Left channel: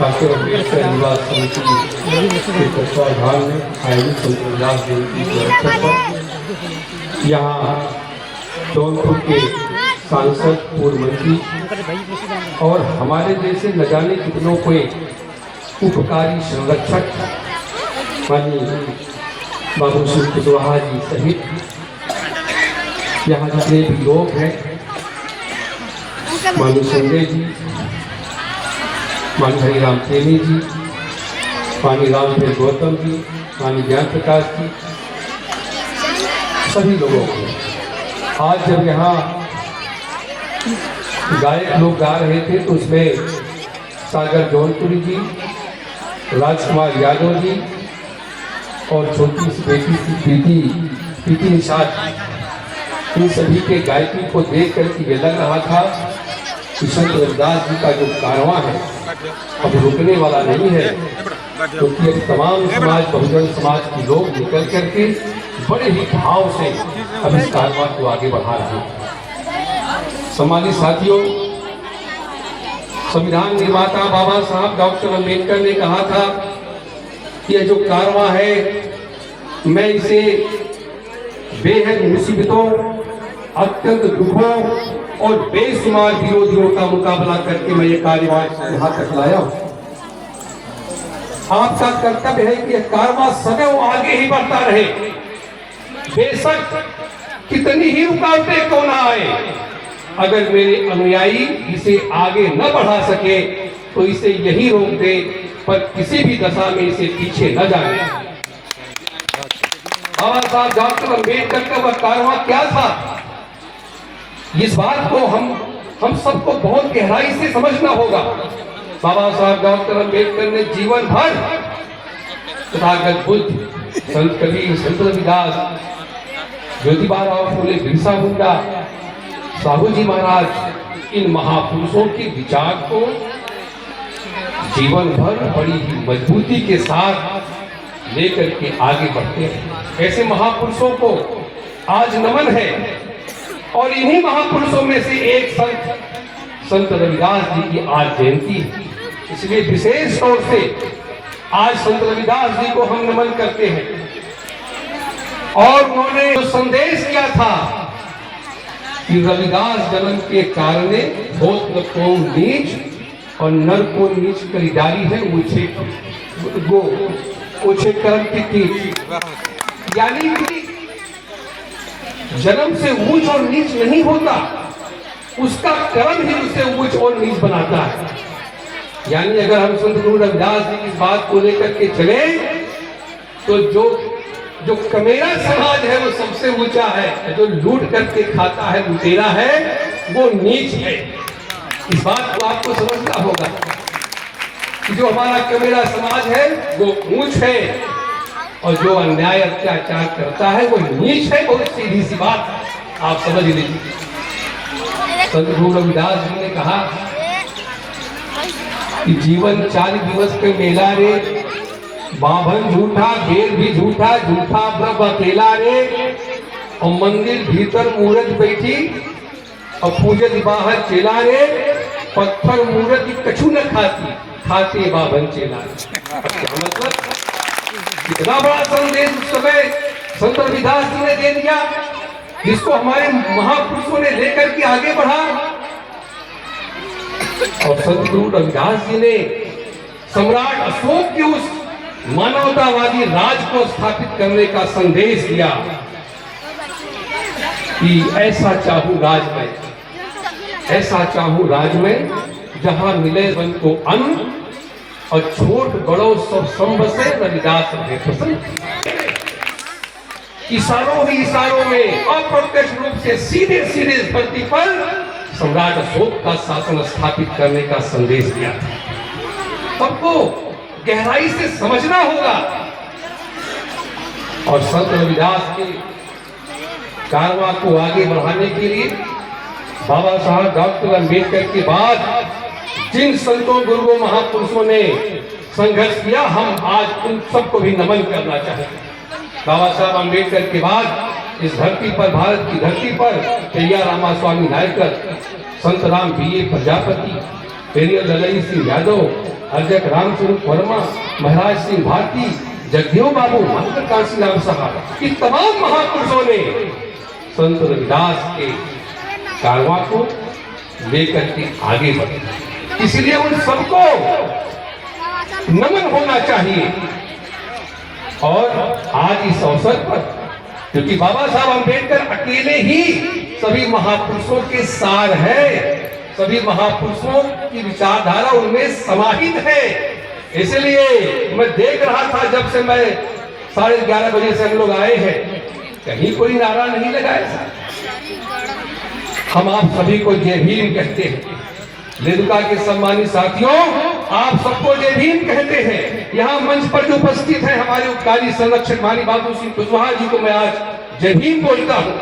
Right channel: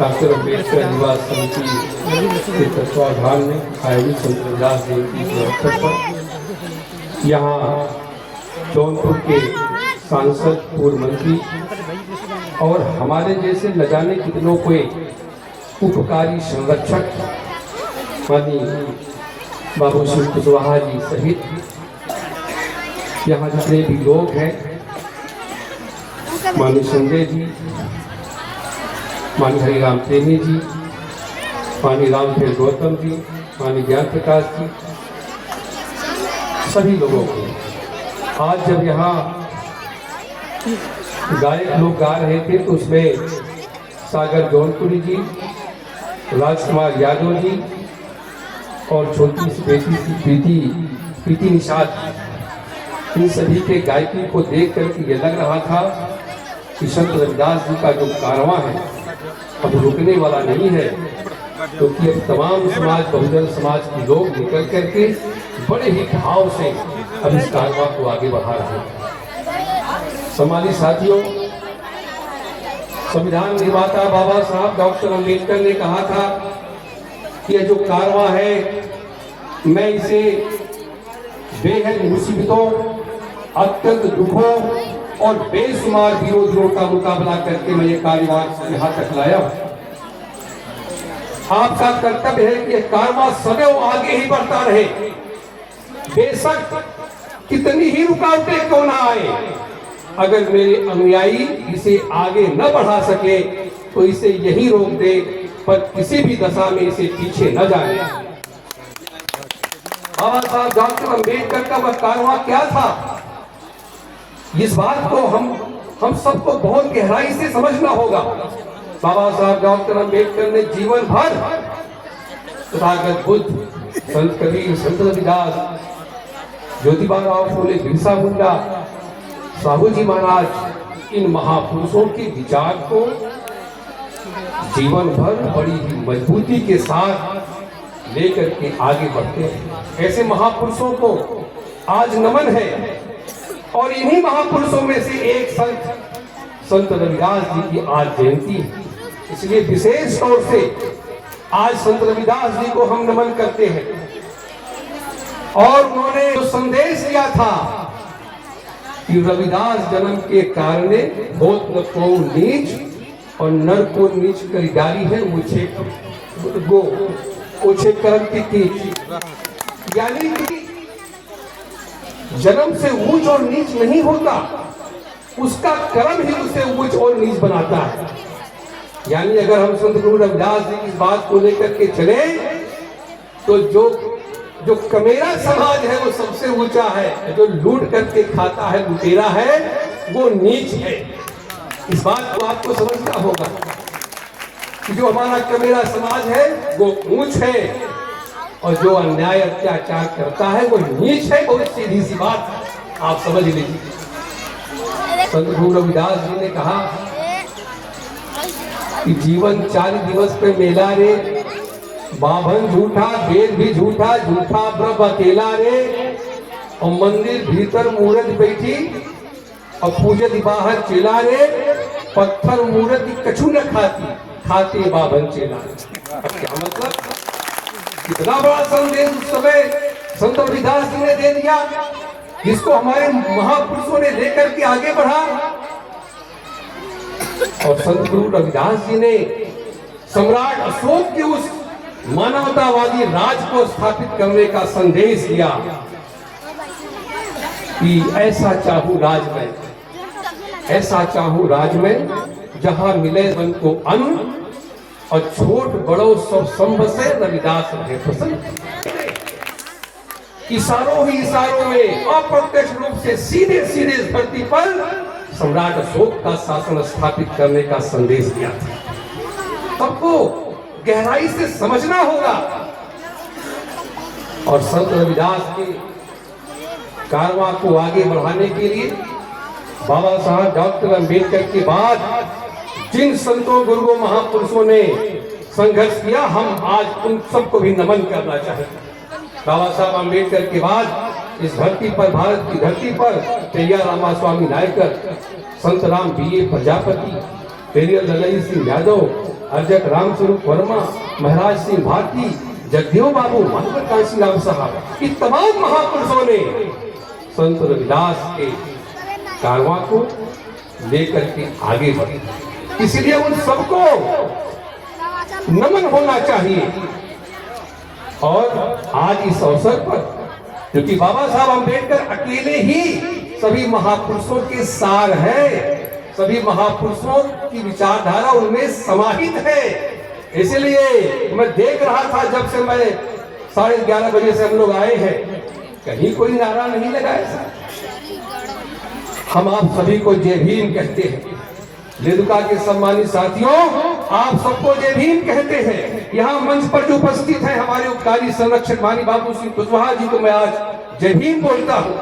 Doctor Ambedkar निवास समिति के तत्वाधान में आयोजित संत रविदास जयंती के अवसर पर यहाँ जौनपुर के सांसद, पूर्व मंत्री और हमारे जैसे न जाने कितनों को उपकारी संरक्षक माननीय बाबू सिंह कुशवाहा जी सहित यहाँ जितने भी लोग हैं, माननीय संजय जी, माननीय हरिराम प्रेमी जी, माननीय रामदेव गौतम जी, माननीय ज्ञान प्रकाश जी, सभी लोगों को आज जब यहाँ गायक लोग गा रहे थे तो उसमें सागर जौनपुरी जी, राजकुमार यादव जी और छोटी सी बेटी पीटी निषाद, इन सभी के गायकी को देख करके ये लग रहा था कि संत रविदास जी का जो कारवां है अब रुकने वाला नहीं है, क्योंकि अब तमाम समाज, बहुजन समाज के लोग निकल करके बड़े ही भाव से अब इस कारवां को आगे बढ़ा रहे हैं। सम्मानित साथियों, संविधान निर्माता बाबा साहब डॉक्टर अम्बेडकर ने कहा था कि यह जो कारवां है, मैं इसे बेहद मुसीबतों, अत्यंत दुखों और बेशुमार विरोधियों का मुकाबला करके मैं ये कारवां यहाँ तक लाया हूँ। आपका कर्तव्य है कि यह कारवां सदैव आगे ही बढ़ता रहे, बेशक कितनी ही रुकावटें क्यों ना आए। अगर मेरे अनुयायी इसे आगे न बढ़ा सके तो इसे यही रोक दे, पर किसी भी दशा में इसे पीछे न जाए। बाबा साहब डॉक्टर अम्बेडकर का वह कारवां क्या था, इस बात को हम सबको बहुत गहराई से समझना होगा। बाबा साहब डॉक्टर अम्बेडकर ने जीवन भर तथागत बुद्ध, संत कबीर, संत रविदास, ज्योतिबा फूले, बिरसा मुंडा, साहू जी महाराज, इन महापुरुषों के विचार को जीवन भर बड़ी ही मजबूती के साथ लेकर के आगे बढ़ते हैं। ऐसे महापुरुषों को आज नमन है और इन्हीं महापुरुषों में से एक संत रविदास जी की आज जयंती है। इसलिए विशेष तौर से आज संत रविदास जी को हम नमन करते हैं। और उन्होंने जो संदेश दिया था कि रविदास जन्म के कारणे होत न को नीच और नर को नीच करी डाली है उछे कर्म की कीच, यानी कि जन्म से ऊंच और नीच नहीं होता, उसका कर्म ही उसे ऊंच और नीच बनाता है। यानी अगर हम संत गुरु रविदास जी की बात को लेकर के चले तो जो कमेरा समाज है वो सबसे ऊंचा है, जो लूट करके खाता है, लुटेरा है, वो नीच है। इस बात को आपको समझना होगा कि जो हमारा कमेरा समाज है वो ऊंच है और जो अन्याय अत्याचार करता है वो नीच है। बहुत सीधी सी बात आप समझ लीजिए। संत गुरु रविदास जी ने कहा कि जीवन 40 दिवस के मेला रे, बाभन झूठा, बेर भी झूठा, झूठा ब्रह्म अकेला रे, और मंदिर भीतर मूर्त बैठी और पूजत बाहर चेला रे, पत्थर मूर्त कछु न खाती, खाते बाभन चेला रे। क्या मतलब, कितना बड़ा संदेश उस समय संत रविदास जी ने दे दिया, जिसको हमारे महापुरुषों ने लेकर के आगे बढ़ा। और संत गुरु रविदास जी ने सम्राट अशोक के उस मानवतावादी राज को स्थापित करने का संदेश दिया कि ऐसा चाहूं राज में, ऐसा चाहूं राज में, जहां मिले वन को अन्न और छोट बड़ो सब संबसे, रविदास रहे प्रसन्न। इशारों ही इशारों में अप्रत्यक्ष रूप से सीधे सीधे धरती पर सम्राट अशोक का शासन स्थापित करने का संदेश दिया था। सबको गहराई से समझना होगा। और संत रविदास के कारवां को आगे बढ़ाने के लिए बाबा साहब डॉक्टर अम्बेडकर के बाद जिन संतों, गुरुओं, महापुरुषों ने संघर्ष किया, हम आज उन सबको भी नमन करना चाहते हैं। बाबा साहब अम्बेडकर के बाद इस धरती पर, भारत की धरती पर, कैया रामा स्वामी नायकर, संत राम बी.ए. प्रजापति, पेरियल ललई सिंह यादव, अर्जक रामस्वरूप वर्मा, महाराज सिंह भारती, जगदेव बाबू, मास्टर काशीराम साहब, ये तमाम महापुरुषों ने संत रविदास के कारवां को लेकर के आगे बढ़े। इसलिए उन सबको नमन होना चाहिए। और आज इस अवसर पर, क्योंकि बाबा साहब अम्बेडकर अकेले ही सभी महापुरुषों के सार हैं, सभी महापुरुषों की विचारधारा उनमें समाहित है। इसलिए मैं देख रहा था, जब से मैं 11:30 बजे से हम लोग आए हैं, कहीं कोई नारा नहीं लगाया था। हम आप सभी को जय भीम कहते हैं। लेदुका के सम्मानित साथियों, आप सबको जय भीम कहते हैं। यहाँ मंच पर जो उपस्थित है हमारे उपकारी संरक्षक मानी बाबू सिंह कुशवाहा जी को मैं आज जय भीम बोलता हूँ।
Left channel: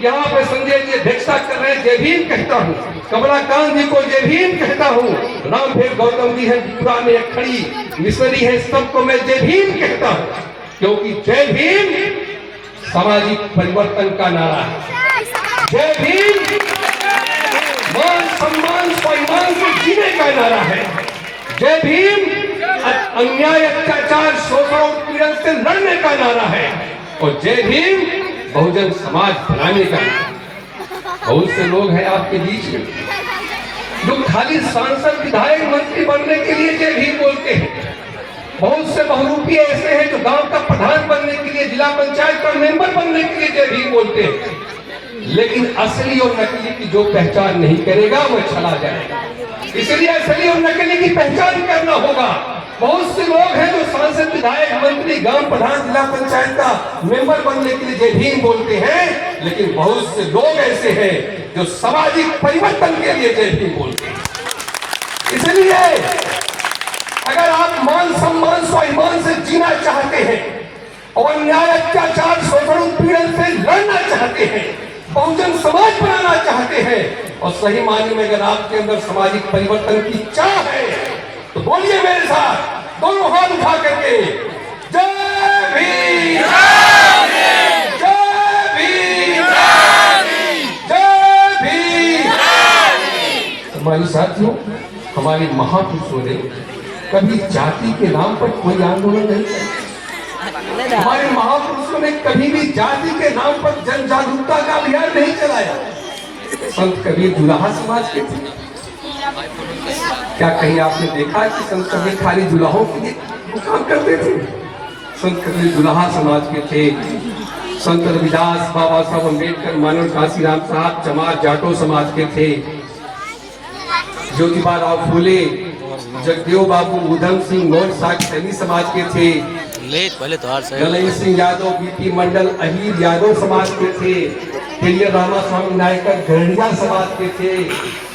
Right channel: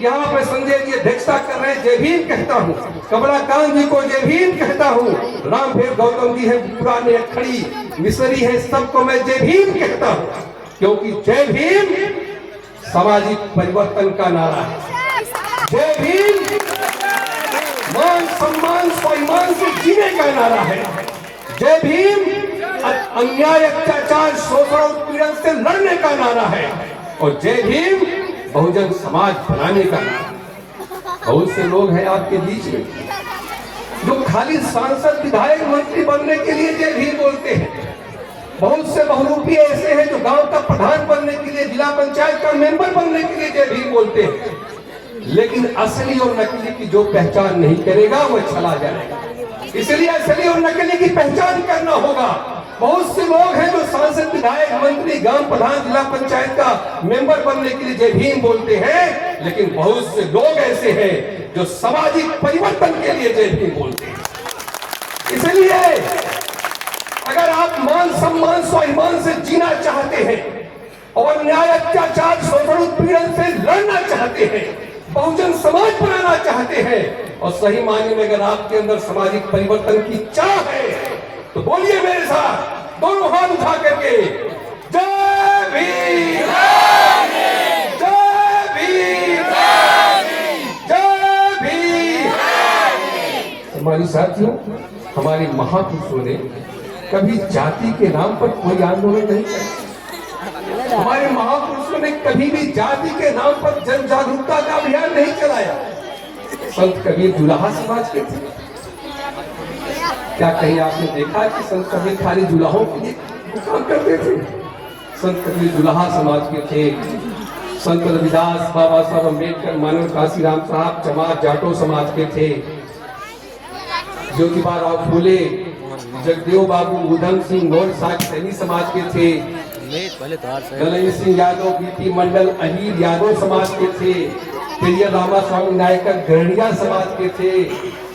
यहाँ पे संजय जी अध्यक्षता कर रहे हैं, जय भीम कहता हूँ। कमलाकांत जी को जय भीम कहता हूँ। रामफेर गौतम जी है, पुराने खड़ी मिसरी है, सबको मैं जय भीम कहता हूँ, क्योंकि जय भीम सामाजिक परिवर्तन का नारा है। जय भीम मान सम्मान स्वाभिमान से जीने का नारा है। जय भीम अन्याय अत्याचार शोषण उत्पीड़न से लड़ने का नारा है। और जय भीम बहुजन समाज बनाने का नारा है। बहुत से लोग हैं आपके बीच में जो खाली सांसद विधायक मंत्री बनने के लिए जय भीम बोलते हैं। बहुत से बहुरूपी ऐसे हैं जो गांव का प्रधान बनने के लिए, जिला पंचायत का मेंबर बनने के लिए जय भीम बोलते हैं। लेकिन असली और नकली की जो पहचान नहीं करेगा वो चला जाएगा। इसलिए असली और नकली की पहचान करना होगा। बहुत से लोग हैं जो सांसद विधायक मंत्री गांव प्रधान जिला पंचायत का मेंबर बनने के लिए जय भीम बोलते हैं, लेकिन बहुत से लोग ऐसे हैं जो सामाजिक परिवर्तन के लिए जय भीम बोलते हैं। इसलिए अगर आप मान सम्मान स्वाभिमान से जीना चाहते हैं और न्याय अत्याचार शोषण उत्पीड़न से लड़ना चाहते हैं, बहुजन समाज बनाना चाहते हैं और सही मायने में अगर आपके अंदर सामाजिक परिवर्तन की चाह है, तो बोलिए मेरे साथ दोनों हाथ उठा करके, जय भीम, जय भीम, जय भीम। हमारे साथियों, हमारे महापुरुषों ने कभी जाति के नाम पर कोई आंदोलन नहीं किया। हमारे महापुरुषों ने कभी भी जाति के नाम पर जन जागरूकता का अभियान नहीं चलाया। संत कबीर जुलाहा समाज के थे। क्या कहीं आपने देखा कि संत कबीर खाली जुलाहों के लिए काम करते थे? संत कबीर जुलाहा समाज के थे। संत रविदास, बाबा साहब अम्बेडकर, मानव काशीराम साहब चमार जाटो समाज के थे। ज्योतिबा राव फूले, जगदेव बाबू, उधम सिंह मौर्य सैनी समाज के थे। ललई सिंह यादव, बीपी मंडल, अहीर यादव समाज के थे। पेरियर रामा स्वामी नायकर गहड़िया समाज के थे।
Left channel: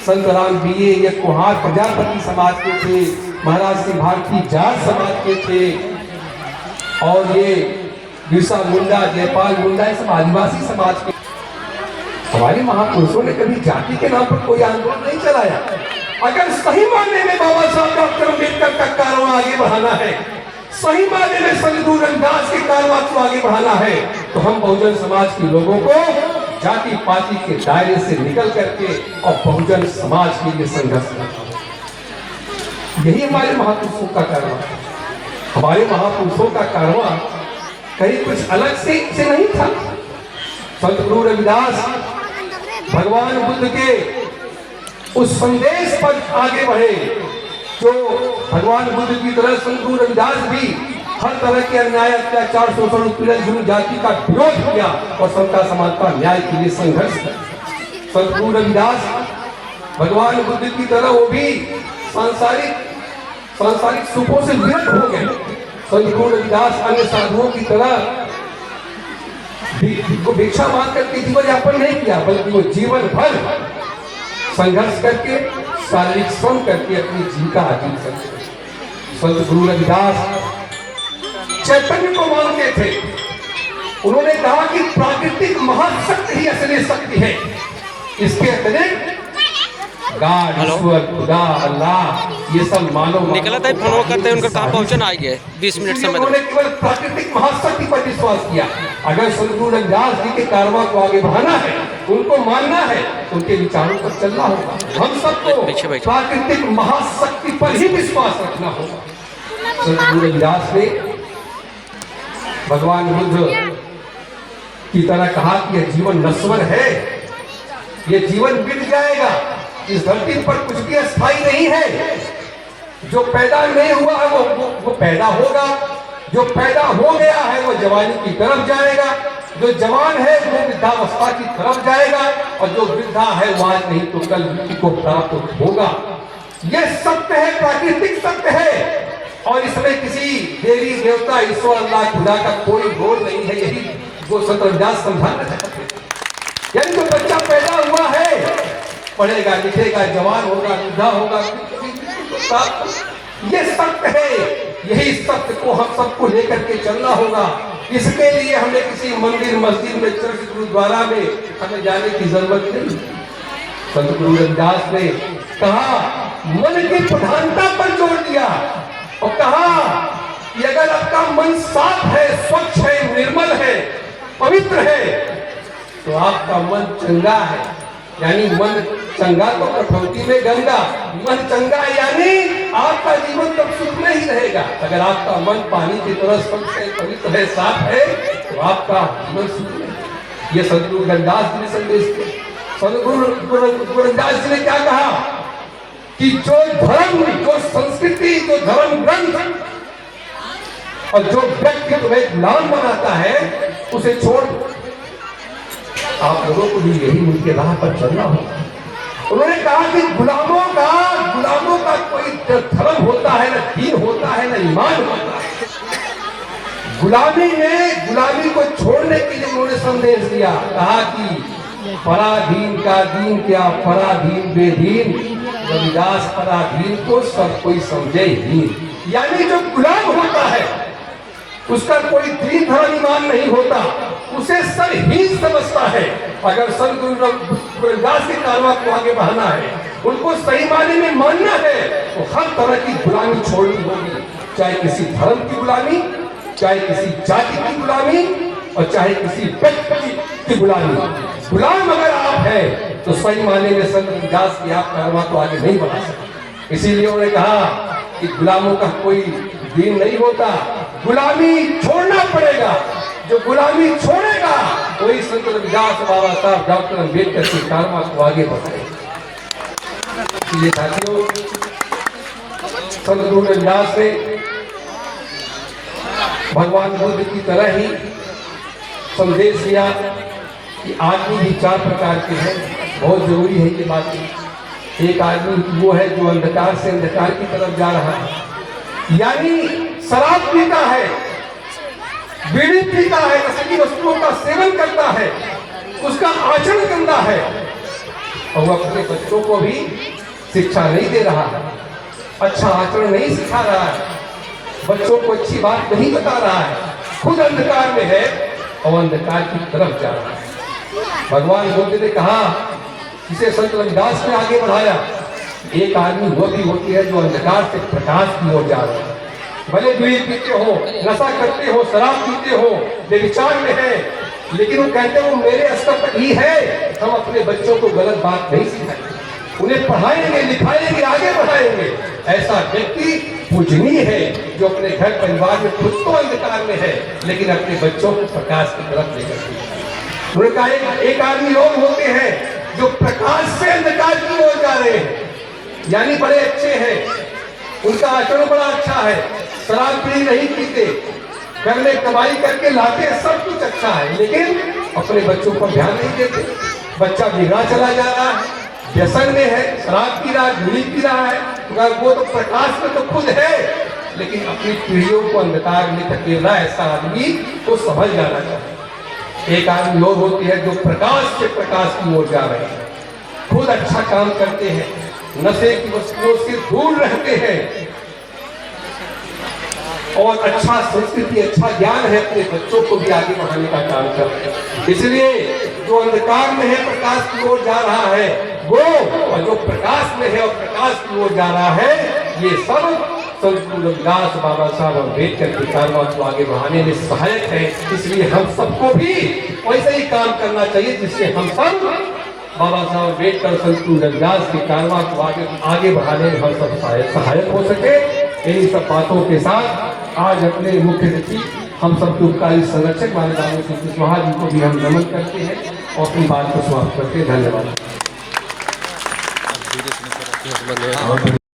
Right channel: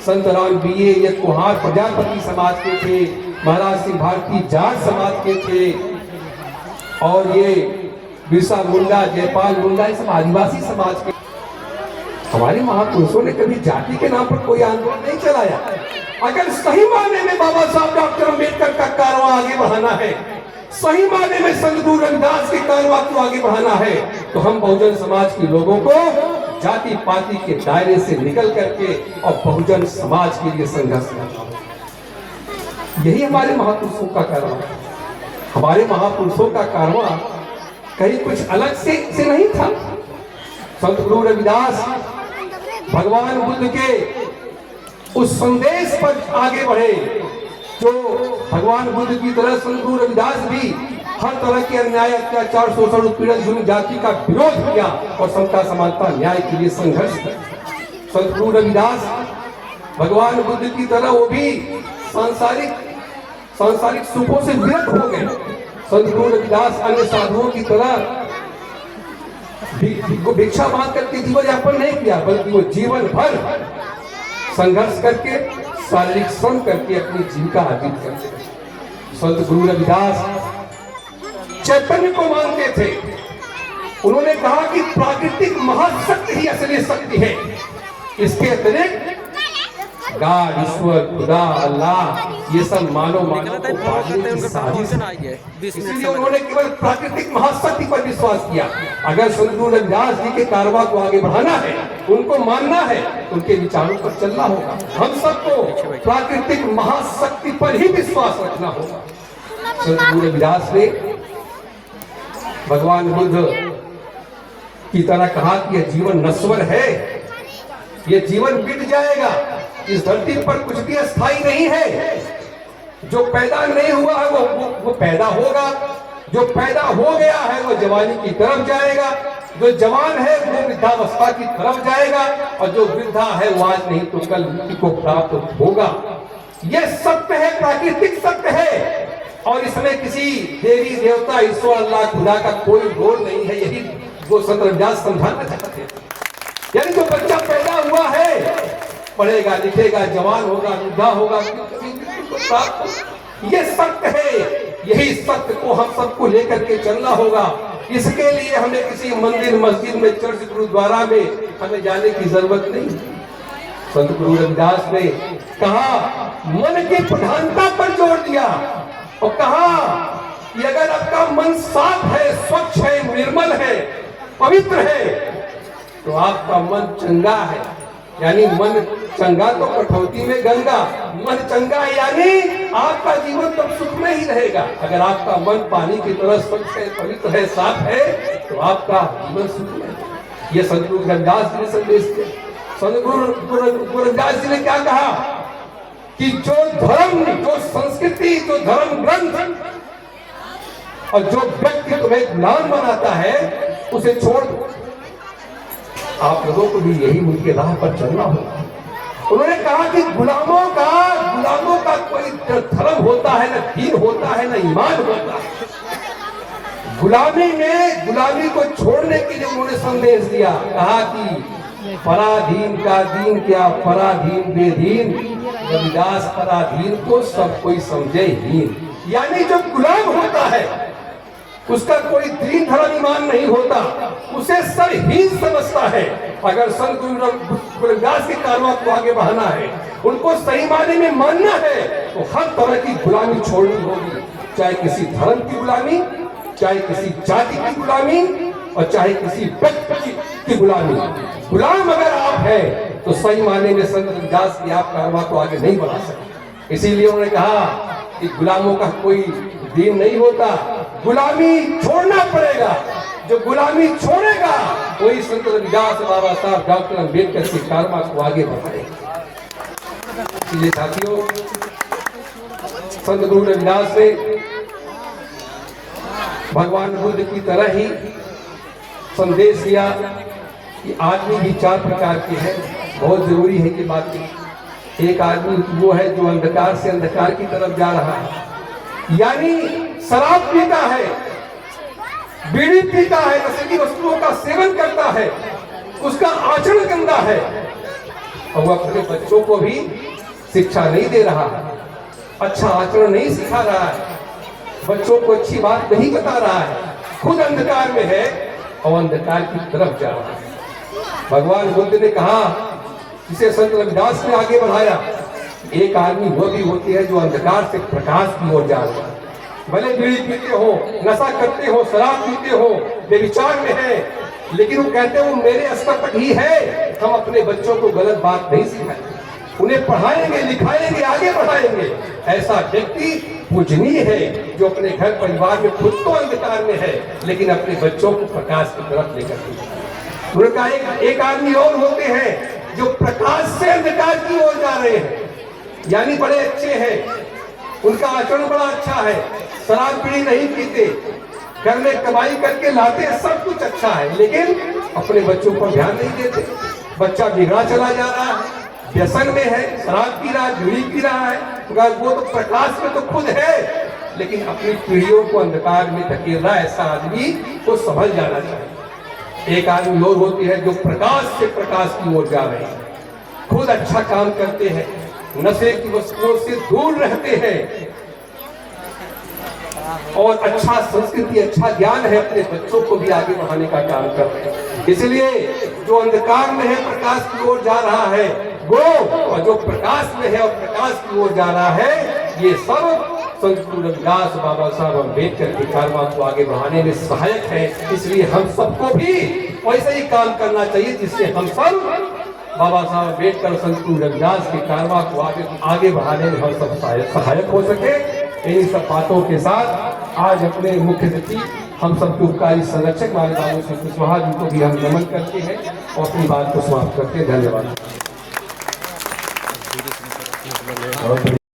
संत राम बीए ये कुहार प्रजापति समाज के थे। महाराज सिंह भारती जाट समाज के थे। और ये बिरसा मुंडा, जयपाल मुंडा, ये सब आदिवासी समाज के। हमारे महापुरुषों ने कभी जाति के नाम पर कोई आंदोलन नहीं चलाया। अगर सही मायने में बाबा साहब डॉक्टर अम्बेडकर का कारवां आगे बढ़ाना है, सही मायने में संत रविदास के कारवां को आगे बढ़ाना है, तो हम बहुजन समाज के लोगों को जाति पाति के दायरे से निकल करके और बहुजन समाज के लिए संघर्ष करना है। यही हमारे महापुरुषों का कारवां था। हमारे महापुरुषों का कारवां कहीं कुछ अलग से नहीं था। संत गुरु रविदास भगवान बुद्ध के उस संदेश पर आगे बढ़े, जो भगवान बुद्ध की तरह संत गुरु रविदास भी हर तरह के अन्याय अत्याचार शोषण उत्पीड़न जुर्म जाति का विरोध किया और सबका समानता न्याय के लिए संघर्ष किया। संत गुरु रविदास भगवान बुद्ध की तरह वो भी सांसारिक सुखों से विरत हो गए। संत गुरु रविदास अन्य साधुओं की तरह भिक्षा मांग करके जीवन यापन नहीं किया, बल्कि वो जीवन भर संघर्ष करके, शारीरिक श्रम करके अपनी जीविका अर्जित करते। संत गुरु रविदास चैतन्य को मानते थे। उन्होंने कहा कि प्राकृतिक महाशक्ति ही असली शक्ति है, इसके अतिरिक्त गॉड, ईश्वर, खुदा, अल्लाह, ये सब मानव निकला था फॉलो करते उनका कहाँ पहुंचना आ गया 20 मिनट समय। उन्होंने केवल प्राकृतिक महाशक्ति पर विश्वास किया। अगर संत गुरु रविदास जी के कारवां को आगे बढ़ाना है उनको मानना है, उनके विचारों पर चलना होगा। हम सबको प्राकृतिक महाशक्ति पर ही विश्वास रखना होगा। संत गुरु रविदास ने भगवान बुद्ध की तरह कहा कि यह जीवन नश्वर है, यह जीवन मिट जाएगा, इस धरती पर कुछ भी अस्थायी नहीं है। जो पैदा नहीं हुआ है वो पैदा होगा, जो पैदा हो गया है वो जवानी की तरफ जाएगा, जो जवान है वो वृद्धावस्था की तरफ जाएगा, और जो वृद्धा है वो आज नहीं तो कल मृत्यु को प्राप्त होगा। यह सत्य है, प्राकृतिक सत्य है, और इसमें किसी देवी देवता ईश्वर अल्लाह खुदा का कोई रोल नहीं है। यही वो संत रविदास समझाना चाहते हैं। यानी जो बच्चा पैदा हुआ है, पढ़ेगा लिखेगा, जवान होगा, वृद्धा होगा, ये सत्य है। यही सत्य को हम सबको लेकर के चलना होगा। इसके लिए हमें किसी मंदिर मस्जिद में, चर्च, गुरुद्वारा में हमें जाने की जरूरत नहीं। संत गुरु रविदास ने कहा, मन की प्रधानता पर जोर दिया और कहा कि अगर आपका मन साफ है, स्वच्छ है, निर्मल है, पवित्र है, तो आपका मन चंगा है। यानी मन चंगा तो कठौती में गंगा, मन चंगा यानी आपका जीवन तो सुख में ही रहेगा। अगर आपका मन पानी की तरह स्वच्छ है, पवित्र है, साफ है, तो आपका जीवन सुख में। ये संत गुरु रविदास जी ने संदेश दिया। संत गुरु रविदास जी ने क्या कहा कि जो धर्म, जो संस्कृति, जो धर्म ग्रंथ और जो व्यक्ति तुम्हें गुलाम बनाता है, उसे छोड़ दो। आप लोगों को भी यही उनके राह पर चलना होगा। उन्होंने कहा कि गुलामों का कोई धर्म होता है, न दीन होता है, न ईमान होता है। गुलामी को छोड़ने के लिए उन्होंने संदेश दिया। कहा कि पराधीन का दीन क्या, पराधीन बेदीन, रविदास पराधीन को सब कोई समझे हीन। यानी जो गुलाम होता है उसका कोई दीन धर्म ईमान नहीं होता, उसे सब हीन समझता है। अगर संत गुरु रविदास के कारवां को आगे बढ़ाना है, उनको सही मायने में मानना है, तो हर तरह की गुलामी छोड़नी होगी। चाहे किसी धर्म की गुलामी, चाहे किसी जाति की गुलामी, और चाहे किसी व्यक्ति की गुलामी। गुलाम अगर आप हैं तो सही मायने में संत रविदास के आप कारवां को आगे नहीं बढ़ा सकते। इसीलिए उन्होंने कहा कि गुलामों का कोई दीन नहीं होता, गुलामी छोड़ना पड़ेगा। जो गुलामी छोड़ेगा वही संत रविदास, बाबा साहब डॉक्टर अम्बेडकर के कारवां को आगे बढ़ाएगा। इसलिए साथियों, संत गुरु रविदास ने भगवान बुद्ध की तरह ही संदेश दिया कि आदमी भी 4 प्रकार के हैं। बहुत जरूरी है ये बात। एक आदमी वो है जो अंधकार से अंधकार की तरफ जा रहा है, यानी शराब पीता है, बीड़ी पीता है, नशीली वस्तुओं का सेवन करता है, उसका आचरण गंदा है, और वह अपने बच्चों को भी शिक्षा नहीं दे रहा है, अच्छा आचरण नहीं सिखा रहा है, बच्चों को अच्छी बात नहीं बता रहा है, खुद अंधकार में है और अंधकार की तरफ जा रहा है। भगवान बुद्ध ने कहा, इसे संत रविदास ने आगे बढ़ाया, एक आदमी वो भी होती है जो अंधकार से प्रकाश की ओर जा रहा है। भले बीड़ी पीते हो, नशा करते हो, शराब पीते हो, बेविचार में है, लेकिन वो कहते हो मेरे स्तर पर ही है। हम अपने बच्चों को गलत बात नहीं सिखाएंगे, उन्हें पढ़ाएंगे, लिखाएंगे, आगे बढ़ाएंगे। ऐसा व्यक्ति पूजनीय है जो अपने घर परिवार में खुद तो अंधकार में है, लेकिन अपने बच्चों को प्रकाश की तरफ लेकर के। एक आदमी और होते हैं जो प्रकाश से अंधकार की ओर जा रहे हैं, यानी बड़े अच्छे हैं, उनका आचरण बड़ा अच्छा है, शराब बीड़ी नहीं पीते, घर में कमाई करके लाते, सब कुछ अच्छा है, लेकिन अपने बच्चों पर ध्यान नहीं देते। बच्चा बिगड़ा चला जा रहा है, व्यसन में है, शराब पी रहा है, बीड़ी पी रहा है, वो तो प्रकाश में तो खुद है, लेकिन अपनी पीढ़ियों को अंधकार में धकेल रहा है। ऐसा आदमी को समझ जाना चाहिए। एक आदमी और होती है जो प्रकाश से प्रकाश की ओर जा रहे हैं, खुद अच्छा काम करते हैं, नशे की वस्तुओं से दूर रहते हैं, और अच्छा संस्कृति, अच्छा ज्ञान है, अपने बच्चों को भी आगे बढ़ाने का काम करते हैं। इसलिए जो अंधकार में है प्रकाश की ओर जा रहा है वो, और जो प्रकाश में है और प्रकाश की ओर जा रहा है, ये सब संत रविदास बाबा साहब अम्बेडकर की कारवा को आगे बढ़ाने में सहायक है। इसलिए हम सबको भी वैसे ही काम करना चाहिए जिससे हम सब बाबा साहब अम्बेडकर संत रविदास की कारवा को आगे बढ़ाने में हम सब सहायक हो सके। इन्हीं सब बातों के साथ आज अपने मुख्य सचिव हम सब दुखकारी संरक्षक बाबा साहब श्री कुशवाहा जी को भी हम नमन करते हैं और अपनी बात को समाप्त करते हैं। धन्यवाद।